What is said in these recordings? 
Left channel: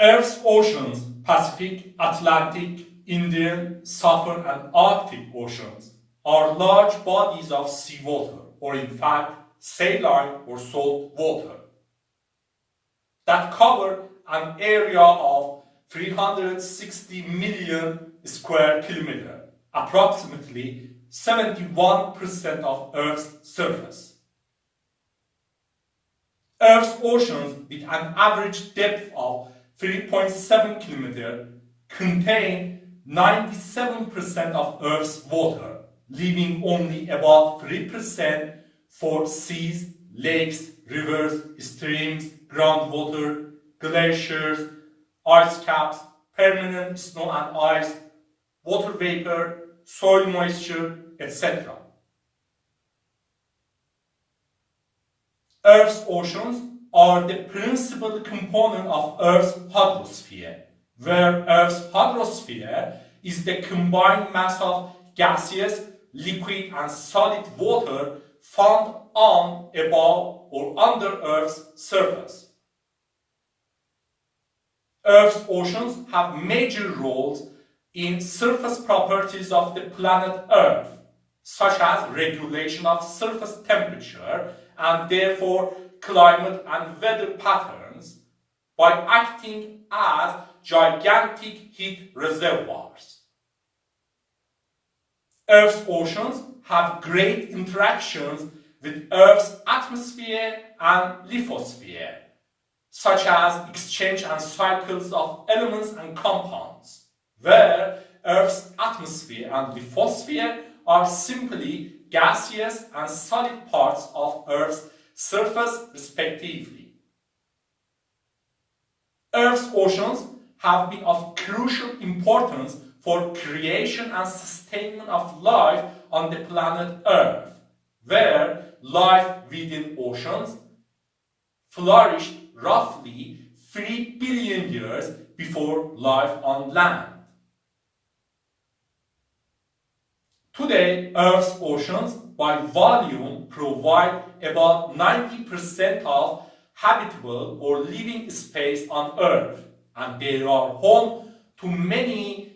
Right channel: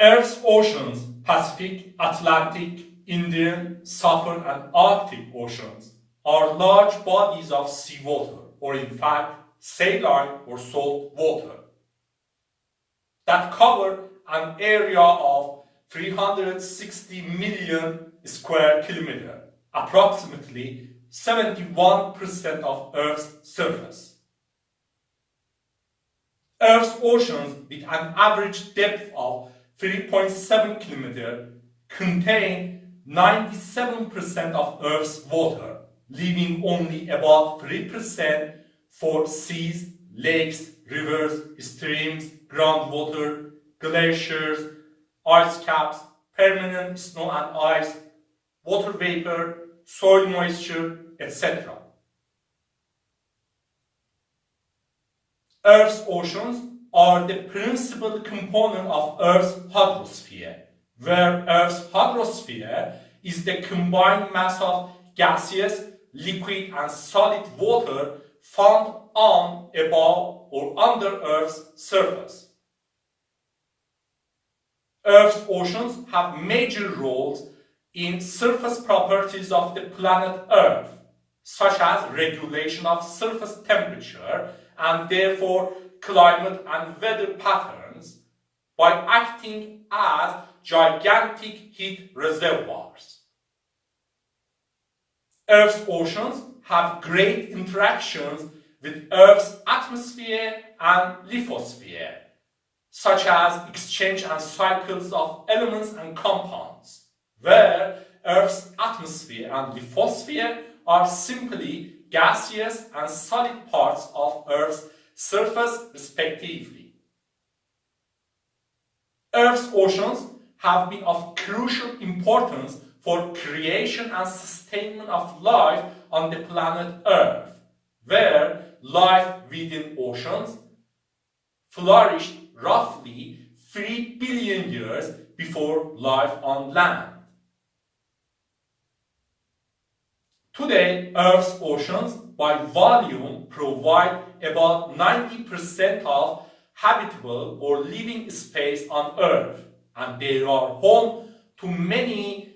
Earth's oceans, Pacific, Atlantic, Indian, Southern and Arctic oceans, are large bodies of seawater, or in fact, saline or salt water, that cover an area of 360 million square kilometers, approximately 71% of Earth's surface. Earth's oceans, with an average depth of 3.7 kilometers, contain 97% of Earth's water, leaving only about 3% for seas, lakes, rivers, streams, groundwater, glaciers, ice caps, permanent snow and ice, water vapor, soil moisture, etc. Earth's oceans are the principal component of Earth's hydrosphere, where Earth's hydrosphere is the combined mass of gaseous, liquid and solid water found on, above or under Earth's surface. Earth's oceans have major roles in surface properties of the planet Earth, such as regulation of surface temperature and therefore climate and weather patterns, by acting as gigantic heat reservoirs. Earth's oceans have great interactions with Earth's atmosphere and lithosphere, such as exchange and cycles of elements and compounds, where Earth's atmosphere and lithosphere are simply gaseous and solid parts of Earth's surface respectively. Earth's oceans have been of crucial importance for creation and sustainment of life on the planet Earth, where life within oceans flourished roughly 3 billion years before life on land. Today, Earth's oceans, by volume, provide about 90% of habitable or living space on Earth, and they are home to many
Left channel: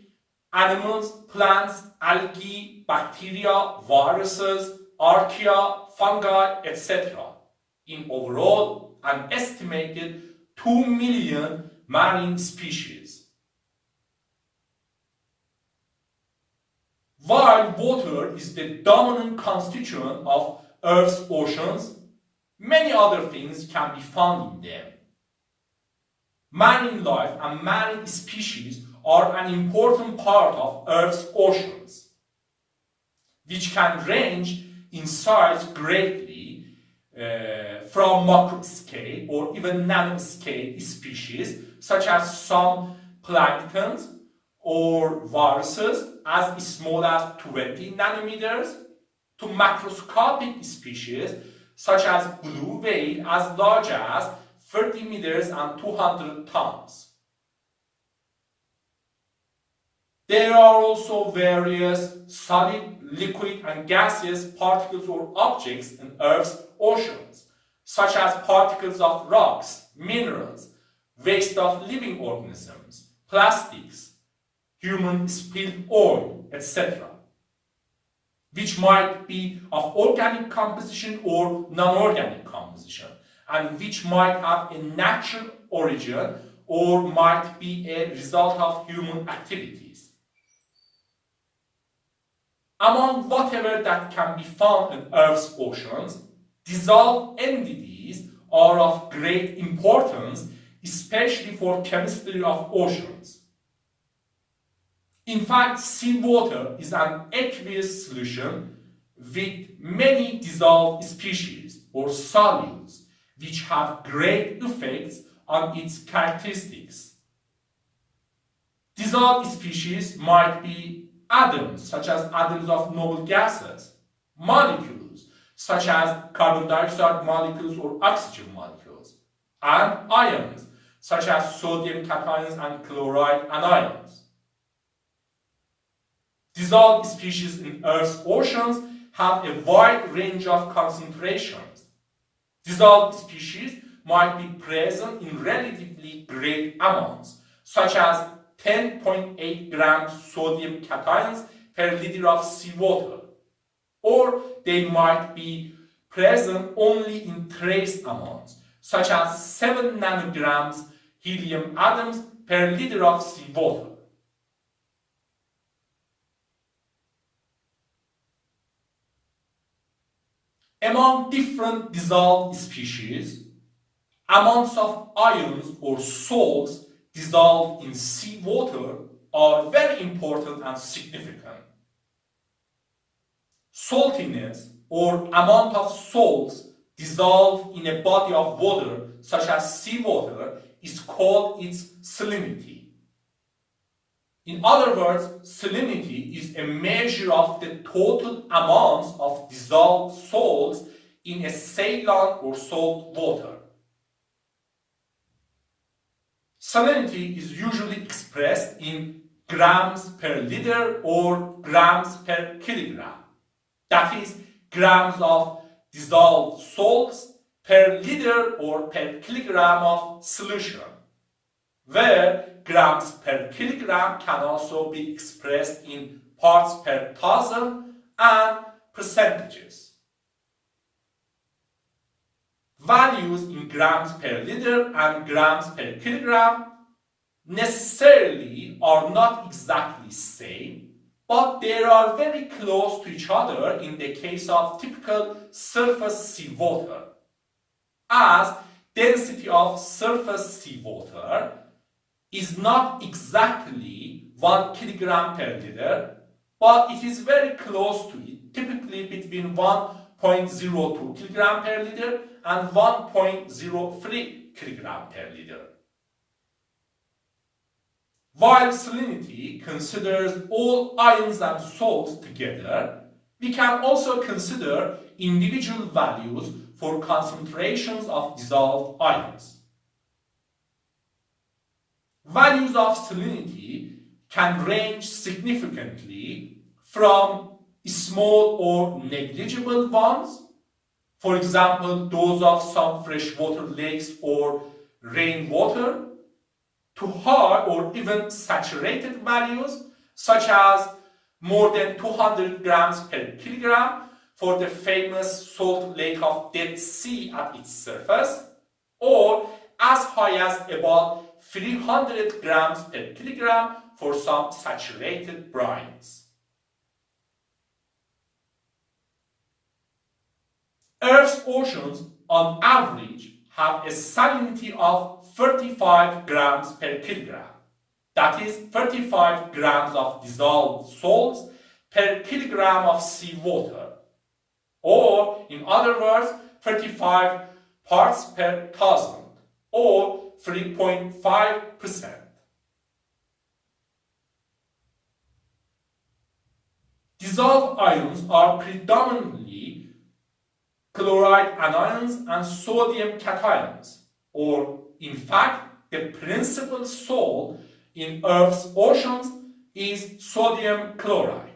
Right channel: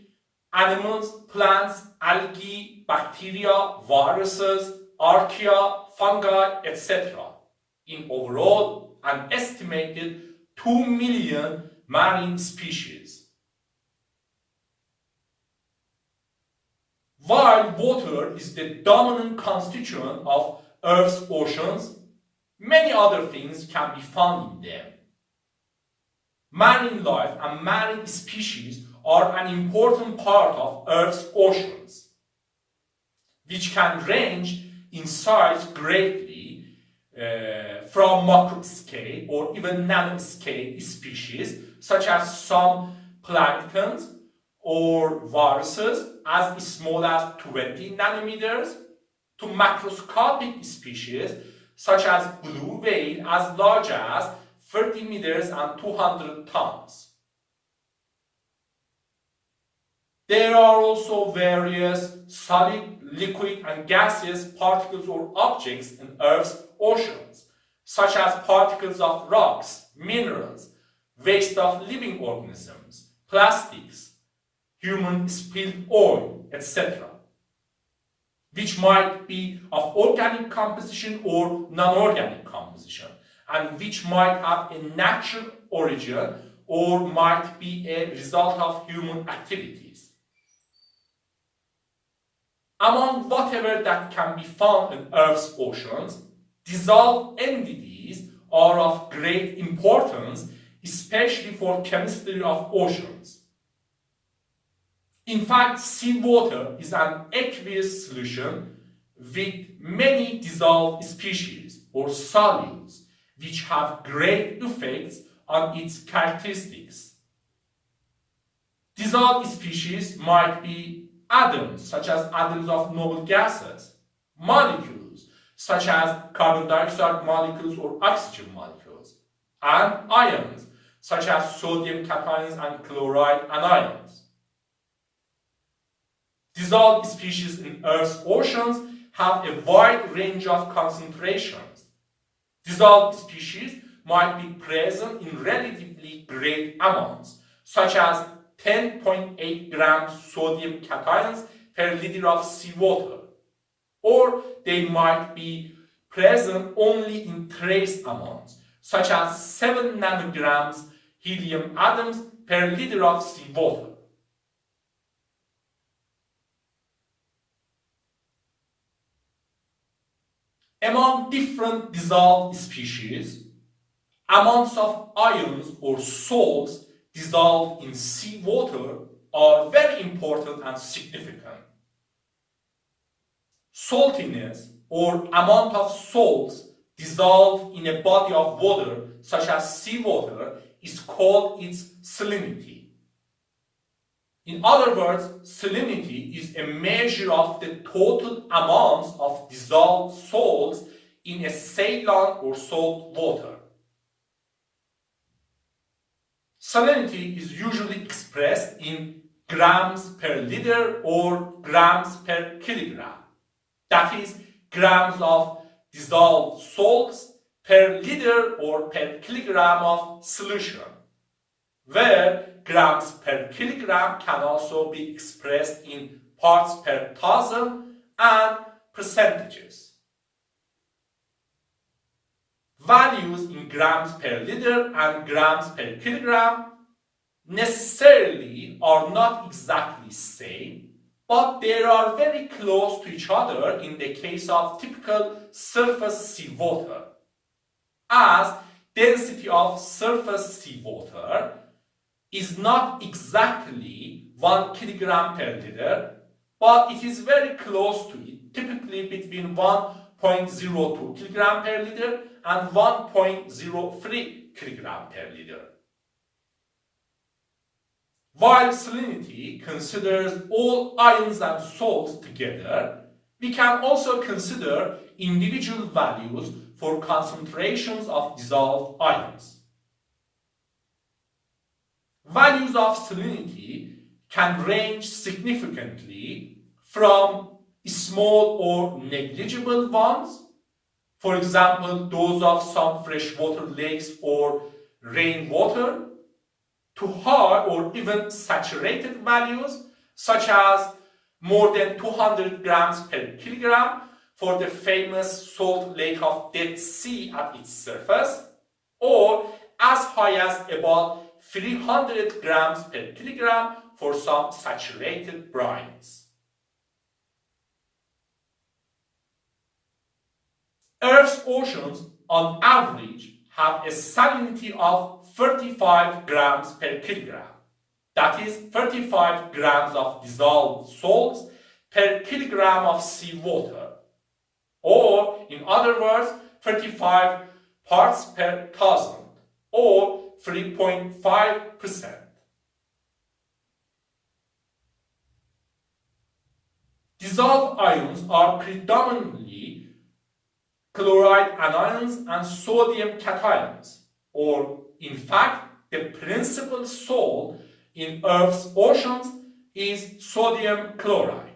animals, plants, algae, bacteria, viruses, archaea, fungi, etc. In overall, an estimated 2 million marine species. While water is the dominant constituent of Earth's oceans, many other things can be found in them. Marine life and marine species are an important part of Earth's oceans, which can range in size greatly from macroscale or even nanoscale species, such as some planktons or viruses as small as 20 nanometers, to macroscopic species such as blue whale as large as 30 meters and 200 tons. There are also various solid, liquid and gaseous particles or objects in Earth's oceans, such as particles of rocks, minerals, waste of living organisms, plastics, human spilled oil, etc., which might be of organic composition or non-organic composition, and which might have a natural origin or might be a result of human activities. Among whatever that can be found in Earth's oceans, dissolved entities are of great importance, especially for chemistry of oceans. In fact, seawater is an aqueous solution with many dissolved species or solids, which have great effects on its characteristics. Dissolved species might be atoms, such as atoms of noble gases, molecules, such as carbon dioxide molecules or oxygen molecules, and ions, such as sodium cations and chloride anions. Dissolved species in Earth's oceans have a wide range of concentrations. Dissolved species might be present in relatively great amounts, such as 10.8 grams sodium cations per liter of seawater, or they might be present only in trace amounts, such as 7 nanograms helium atoms per liter of seawater. Among different dissolved species, amounts of ions or salts dissolved in seawater are very important and significant. Saltiness or amount of salts dissolved in a body of water such as seawater is called its salinity. In other words, salinity is a measure of the total amounts of dissolved salts in a saline or salt water. Salinity is usually expressed in grams per liter or grams per kilogram. That is, grams of dissolved salts per liter or per kilogram of solution, where grams per kilogram can also be expressed in parts per thousand and percentages. Values in grams per liter and grams per kilogram necessarily are not exactly the same, but they are very close to each other in the case of typical surface seawater, as density of surface seawater is not exactly 1 kilogram per liter, but it is very close to it, typically between 1.02 kilogram per liter and 1.03 kilogram per liter. While salinity considers all ions and salts together, we can also consider individual values for concentrations of dissolved ions. Values of salinity can range significantly from small or negligible ones, for example, those of some freshwater lakes or rainwater, to high or even saturated values, such as more than 200 grams per kilogram for the famous salt lake of Dead Sea at its surface, or as high as about 300 grams per kilogram for some saturated brines. Earth's oceans, on average, have a salinity of 35 grams per kilogram. That is 35 grams of dissolved salts per kilogram of seawater, or in other words, 35 parts per thousand, or 3.5%. Dissolved ions are predominantly chloride anions and sodium cations, or in fact, the principal salt in Earth's oceans is sodium chloride.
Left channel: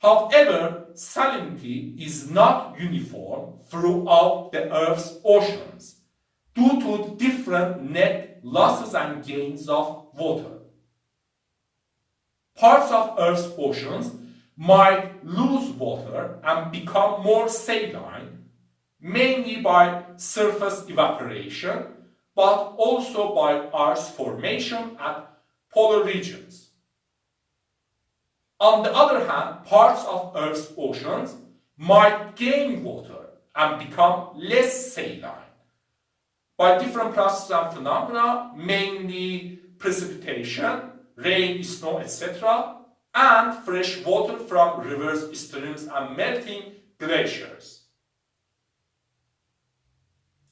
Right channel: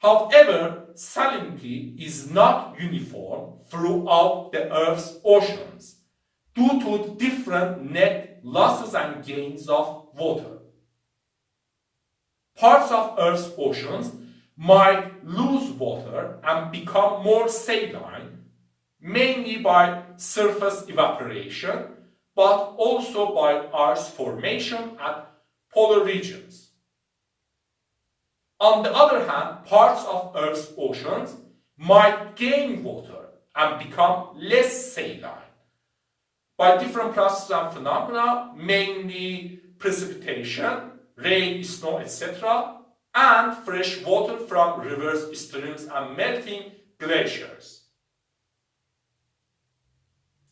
However, salinity is not uniform throughout the Earth's oceans due to different net losses and gains of water. Parts of Earth's oceans might lose water and become more saline, mainly by surface evaporation, but also by ice formation at polar regions. On the other hand, parts of Earth's oceans might gain water and become less saline by different processes and phenomena, mainly precipitation, rain, snow, etc., and fresh water from rivers, streams, and melting glaciers.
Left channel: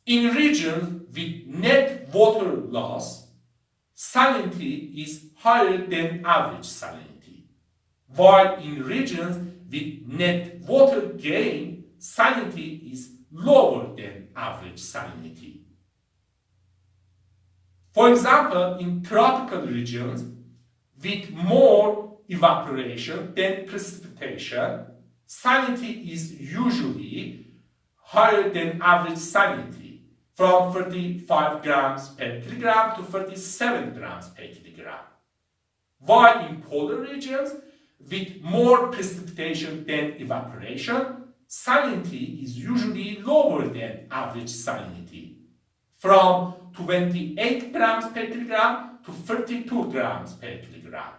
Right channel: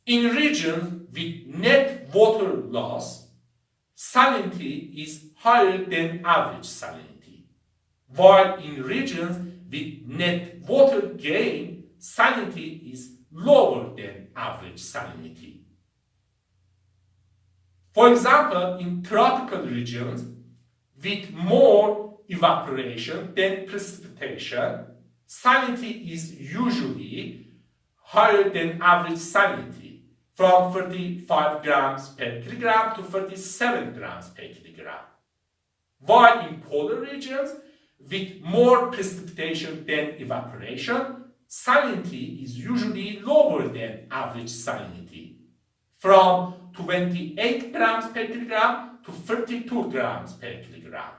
In regions with net water loss, salinity is higher than average salinity, while in regions with net water gain, salinity is lower than average salinity. For example, in tropical regions with more evaporation than precipitation, salinity is usually higher than average salinity, from 35 grams per kilogram to 37 grams per kilogram. While in polar regions, with more precipitation than evaporation, salinity is usually lower than average salinity, from 28 grams per kilogram to 32 grams per kilogram.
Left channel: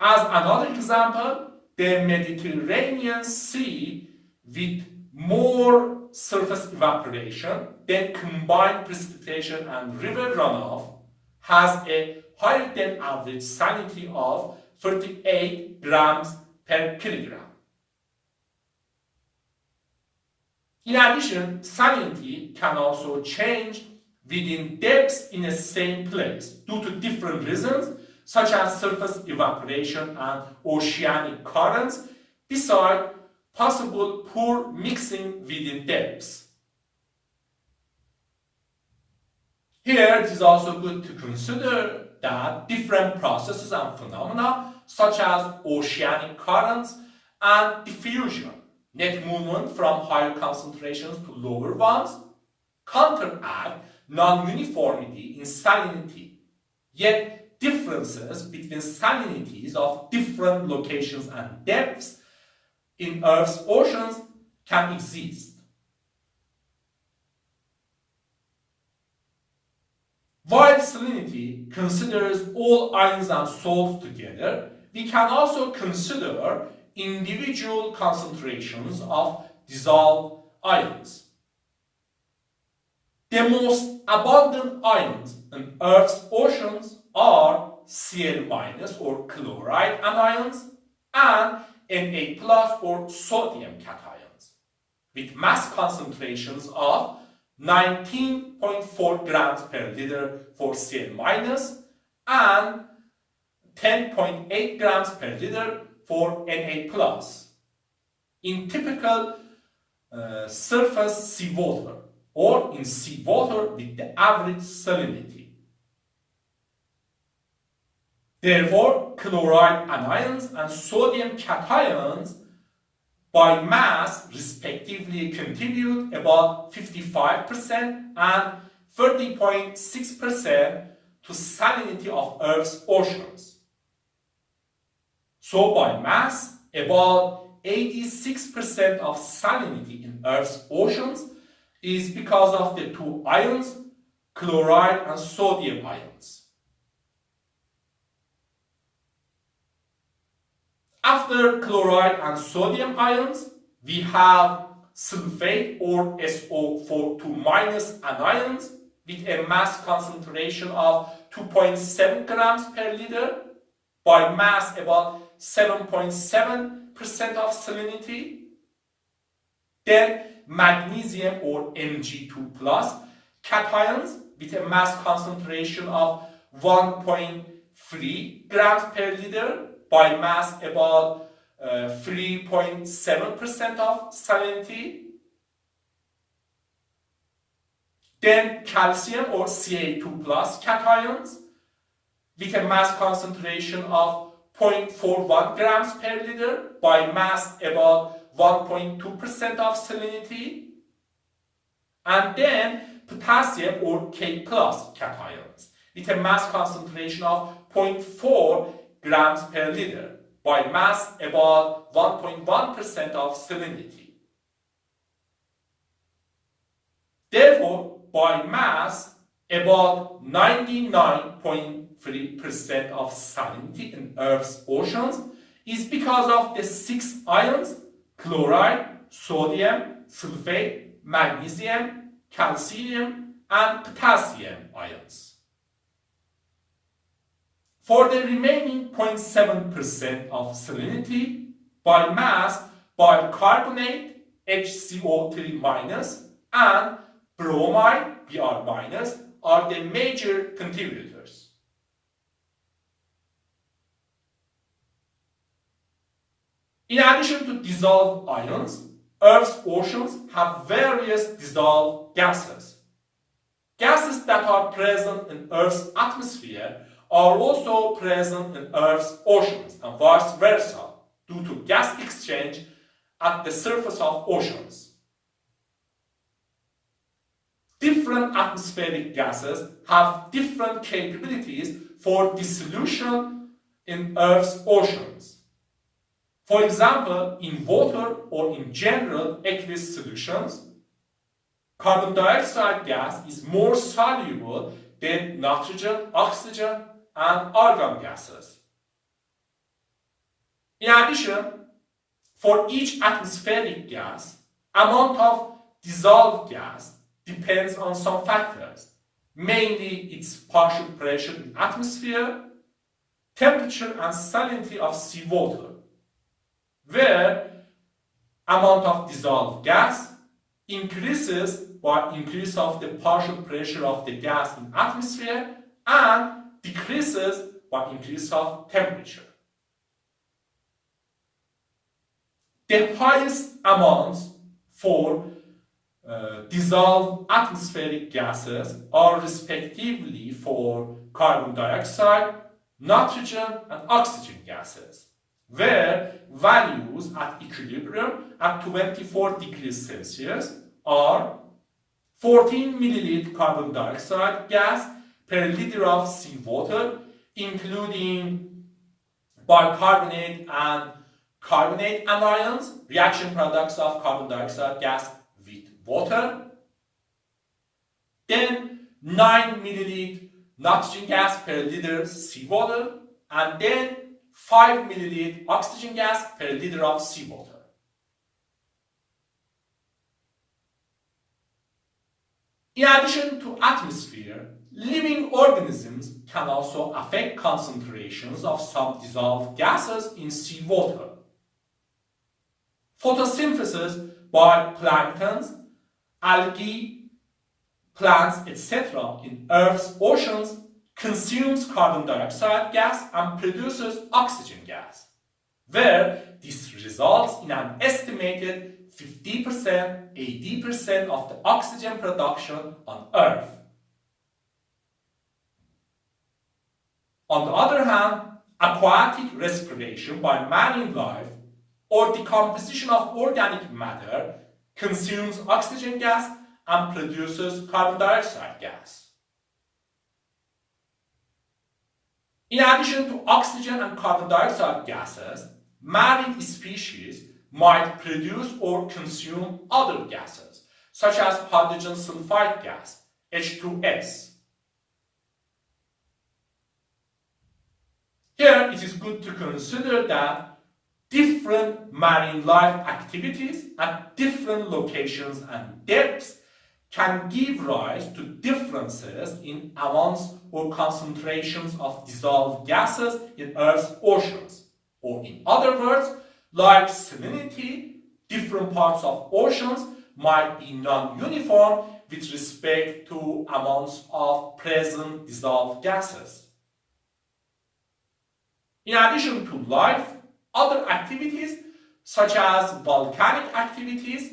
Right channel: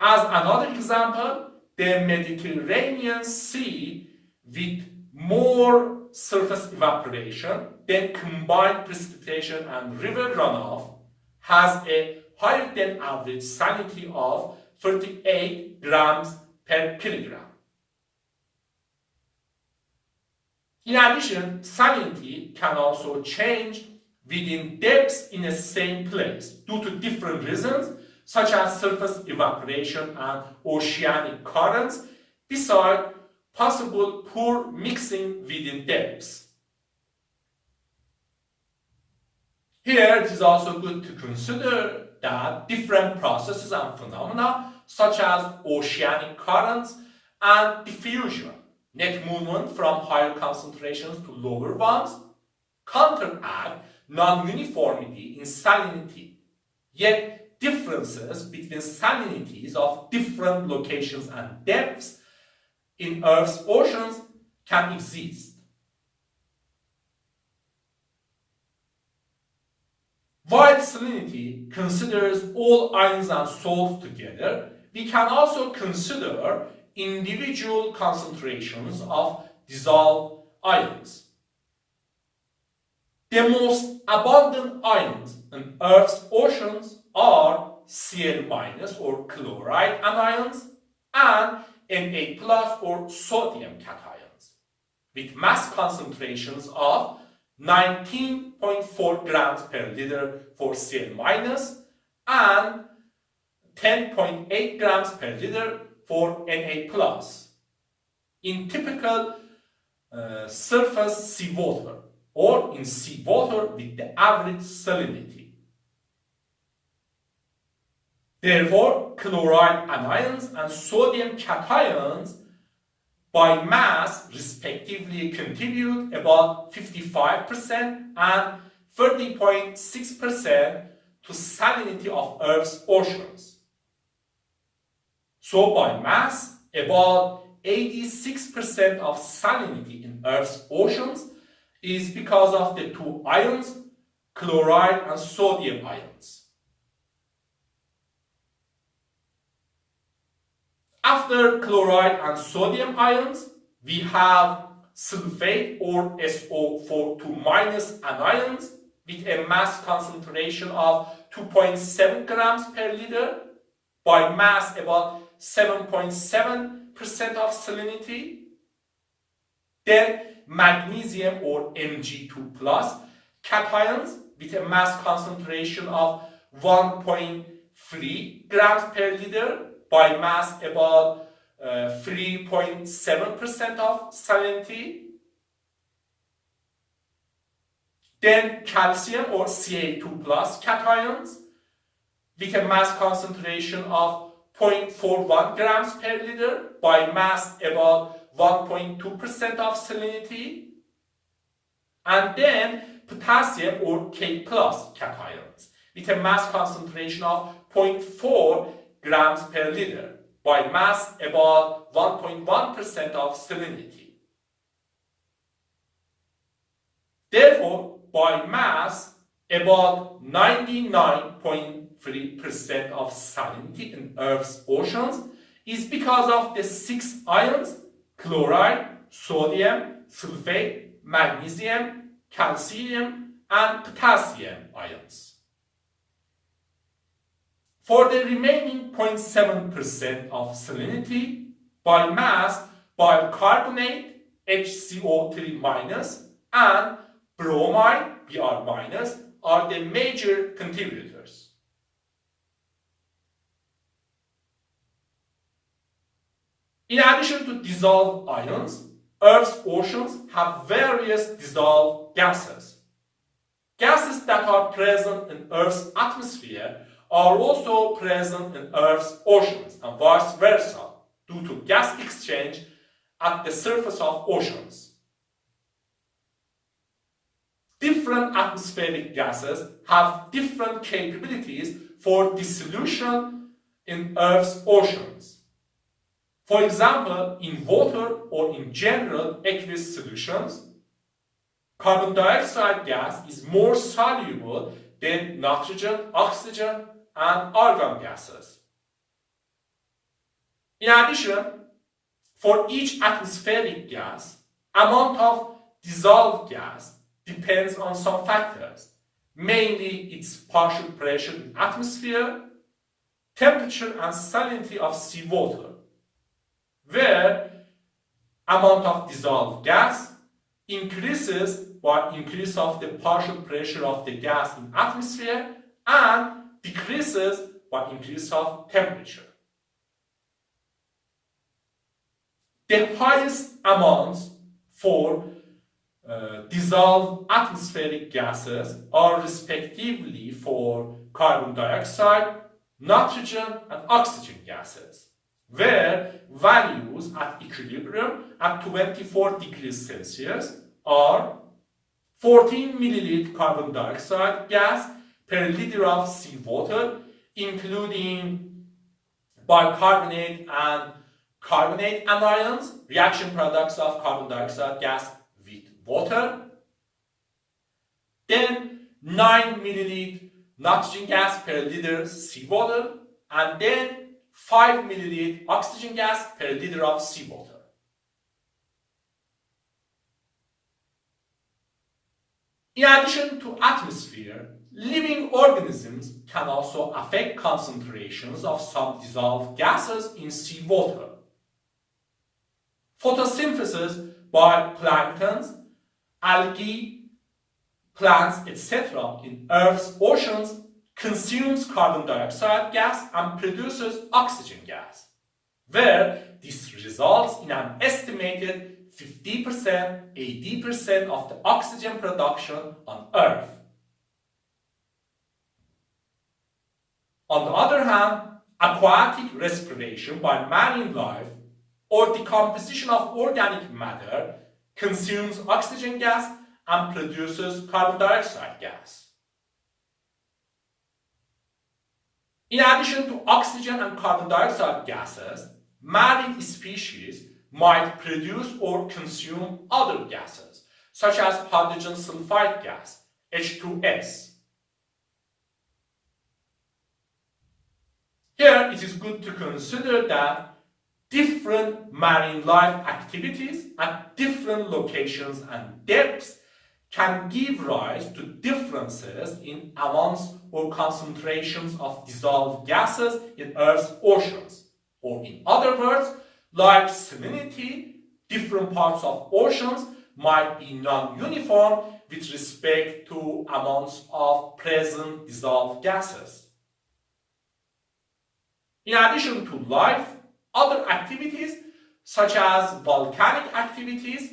As another example, the Mediterranean Sea, with more surface evaporation than combined precipitation and river runoff, has a higher than average salinity of 38 grams per kilogram. In addition, salinity can also change within depths in the same place due to different reasons, such as surface evaporation and oceanic currents, besides possible poor mixing within depths. Here, it is also good to consider that different processes and phenomena, such as oceanic currents and diffusion, net movement from higher concentrations to lower ones, counteract non-uniformity in salinity. Yet, differences between salinities of different locations and depths in Earth's oceans can exist. While salinity considers all ions and salts together, we can also consider individual concentrations of dissolved ions. The most abundant ions in Earth's oceans are Cl- or chloride anions and Na+ or sodium cations, with mass concentrations of 19.4 grams per liter for Cl- and 10.8 grams per liter for Na+, in typical surface seawater or in seawater with the average salinity. Therefore, chloride anions and sodium cations by mass respectively contribute about 55% and 30.6% to salinity of Earth's oceans. So by mass, about 86% of salinity in Earth's oceans is because of the two ions, chloride and sodium ions. After chloride and sodium ions, we have sulfate or SO42- anions with a mass concentration of 2.7 grams per liter, by mass about 7.7% of salinity. Then magnesium or Mg2+ cations with a mass concentration of 1.3 grams per liter, by mass about 3.7% of salinity. Then calcium or Ca2+ cations with a mass concentration of 0.41 grams per liter, by mass about 1.2% of salinity. And then potassium or K+ cations with a mass concentration of 0.4 grams per liter, by mass about 1.1% of salinity. Therefore, by mass, about 99.3% of salinity in Earth's oceans is because of the 6 ions, chloride, sodium, sulfate, magnesium, calcium, and potassium ions. For the remaining 0.7% of salinity, by mass, bicarbonate, HCO3- and bromide, Br- are the major contributors. In addition to dissolved ions, Earth's oceans have various dissolved gases. Gases that are present in Earth's atmosphere are also present in Earth's oceans, and vice versa, due to gas exchange at the surface of oceans. Different atmospheric gases have different capabilities for dissolution in Earth's oceans. For example, in water or in general aqueous solutions, carbon dioxide gas is more soluble than nitrogen, oxygen, and argon gases. In addition, for each atmospheric gas, amount of dissolved gas depends on some factors, mainly its partial pressure in atmosphere, temperature and salinity of seawater, where amount of dissolved gas increases by increase of the partial pressure of the gas in atmosphere and decreases by increase of temperature. The highest amounts for dissolved atmospheric gases are respectively for carbon dioxide, nitrogen and oxygen gases, where values at equilibrium at 24 degrees Celsius are 14 milliliter carbon dioxide gas per liter of seawater, including bicarbonate and carbonate anions, reaction products of carbon dioxide gas with water. Then 9 milliliter nitrogen gas per liter seawater, and then 5 milliliter oxygen gas per liter of seawater. In addition to atmosphere, living organisms can also affect concentrations of some dissolved gases in seawater. Photosynthesis by planktons, algae, plants, etc. in Earth's oceans consumes carbon dioxide gas and produces oxygen gas, where this results in an estimated 50%, 80% of the oxygen production on Earth. On the other hand, aquatic respiration by marine life or decomposition of organic matter consumes oxygen gas and produces carbon dioxide gas. In addition to oxygen and carbon dioxide gases, marine species might produce or consume other gases, such as hydrogen sulfide gas, H2S. Here it is good to consider that different marine life activities at different locations and depths can give rise to differences in amounts or concentrations of dissolved gases in Earth's oceans. Or in other words, like salinity, different parts of oceans might be non-uniform with respect to amounts of present dissolved gases. In addition to life, other activities such as volcanic activities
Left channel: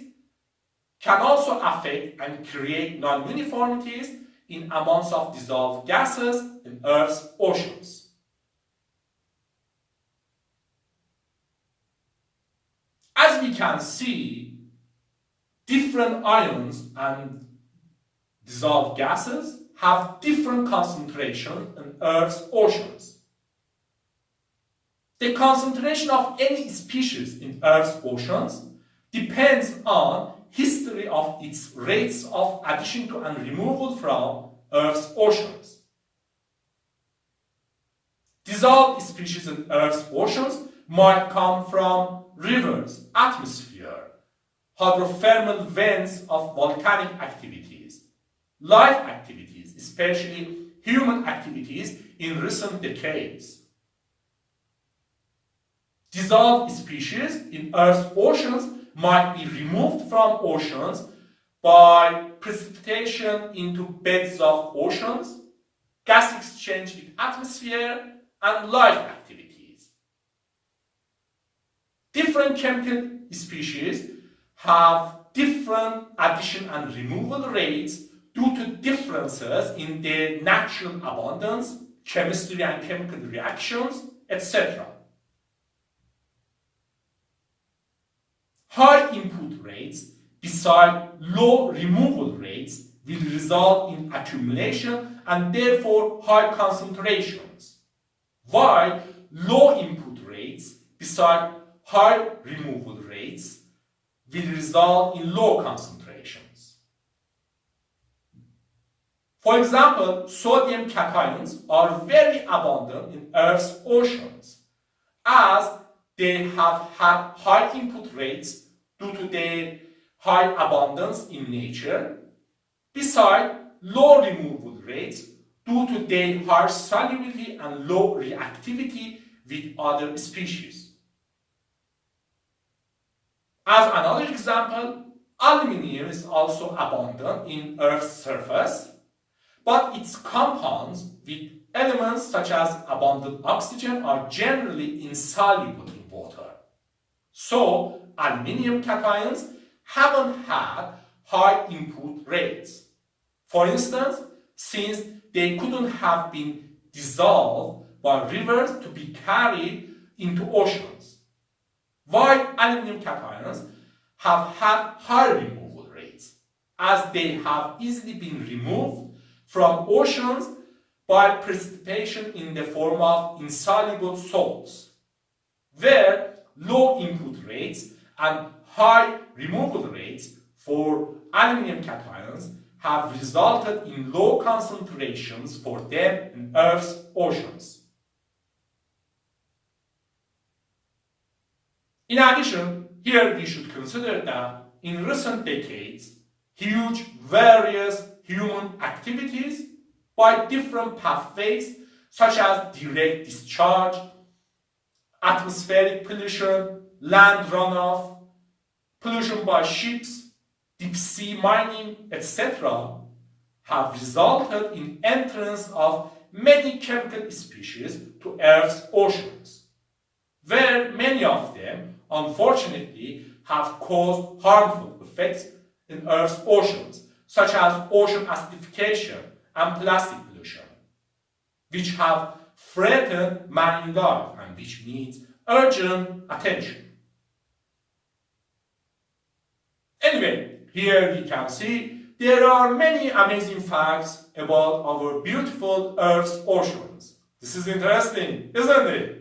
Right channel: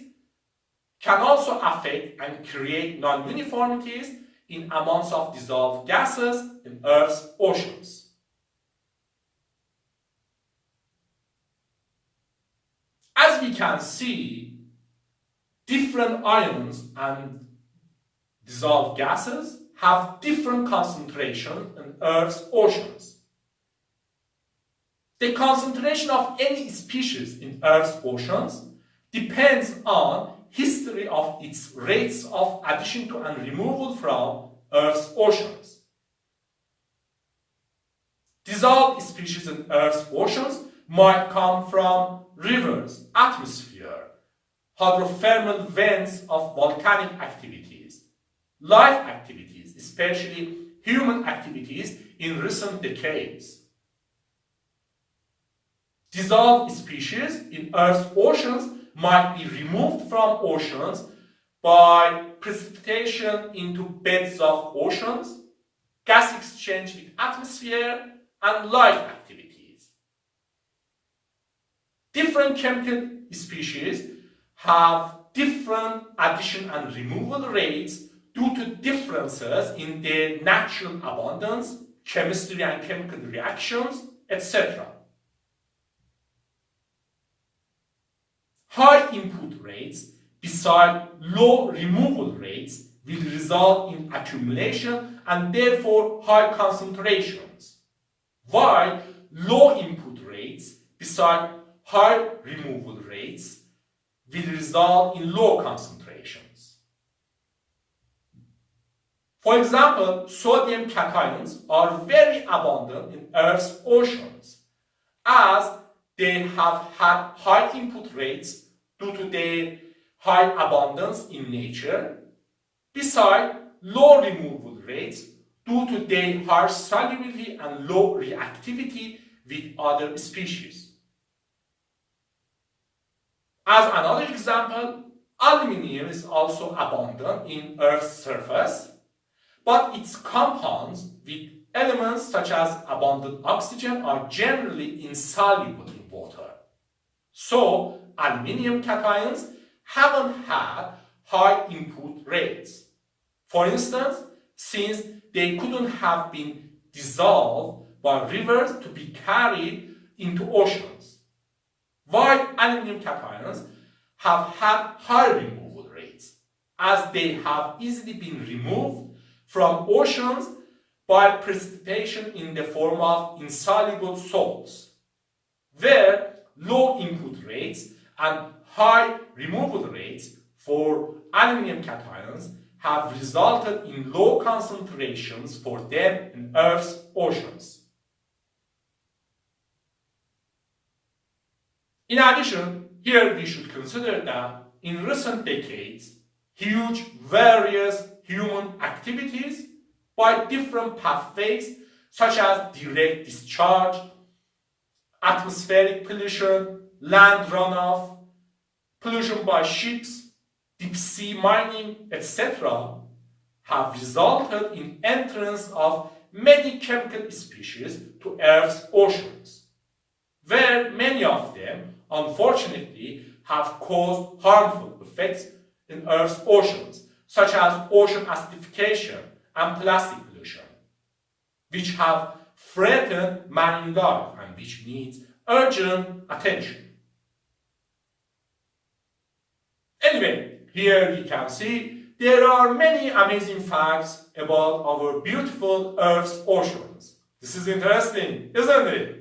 can also affect and create non-uniformities in amounts of dissolved gases in Earth's oceans. As we can see, different ions and dissolved gases have different concentrations in Earth's oceans. The concentration of any species in Earth's oceans depends on history of its rates of addition to and removal from Earth's oceans. Dissolved species in Earth's oceans might come from rivers, atmosphere, hydrothermal vents of volcanic activities, life activities, especially human activities in recent decades. Dissolved species in Earth's oceans might be removed from oceans by precipitation into beds of oceans, gas exchange with atmosphere, and life activities. Different chemical species have different addition and removal rates due to differences in their natural abundance, chemistry and chemical reactions, etc. High input rates beside low removal rates will result in accumulation and therefore high concentrations, while low input rates beside high removal rates will result in low concentrations. For example, sodium cations are very abundant in Earth's oceans as they have had high input rates due to their high abundance in nature, beside low removal rates due to their high solubility and low reactivity with other species. As another example, aluminium is also abundant in Earth's surface, but its compounds with elements such as abundant oxygen are generally insoluble in water. So, aluminium cations haven't had high input rates. For instance, since they couldn't have been dissolved by rivers to be carried into oceans, while aluminium cations have had high removal rates, as they have easily been removed from oceans by precipitation in the form of insoluble salts, where low input rates and high removal rates for aluminium cations have resulted in low concentrations for them in Earth's oceans. In addition, here we should consider that in recent decades, huge various human activities by different pathways such as direct discharge, atmospheric pollution, land runoff, pollution by ships, deep sea mining, etc., have resulted in entrance of many chemical species to Earth's oceans, where many of them, unfortunately, have caused harmful effects in Earth's oceans, such as ocean acidification and plastic pollution, which have threatened marine life and which needs urgent attention. Anyway, here we can see there are many amazing facts about our beautiful Earth's oceans. This is interesting, isn't it?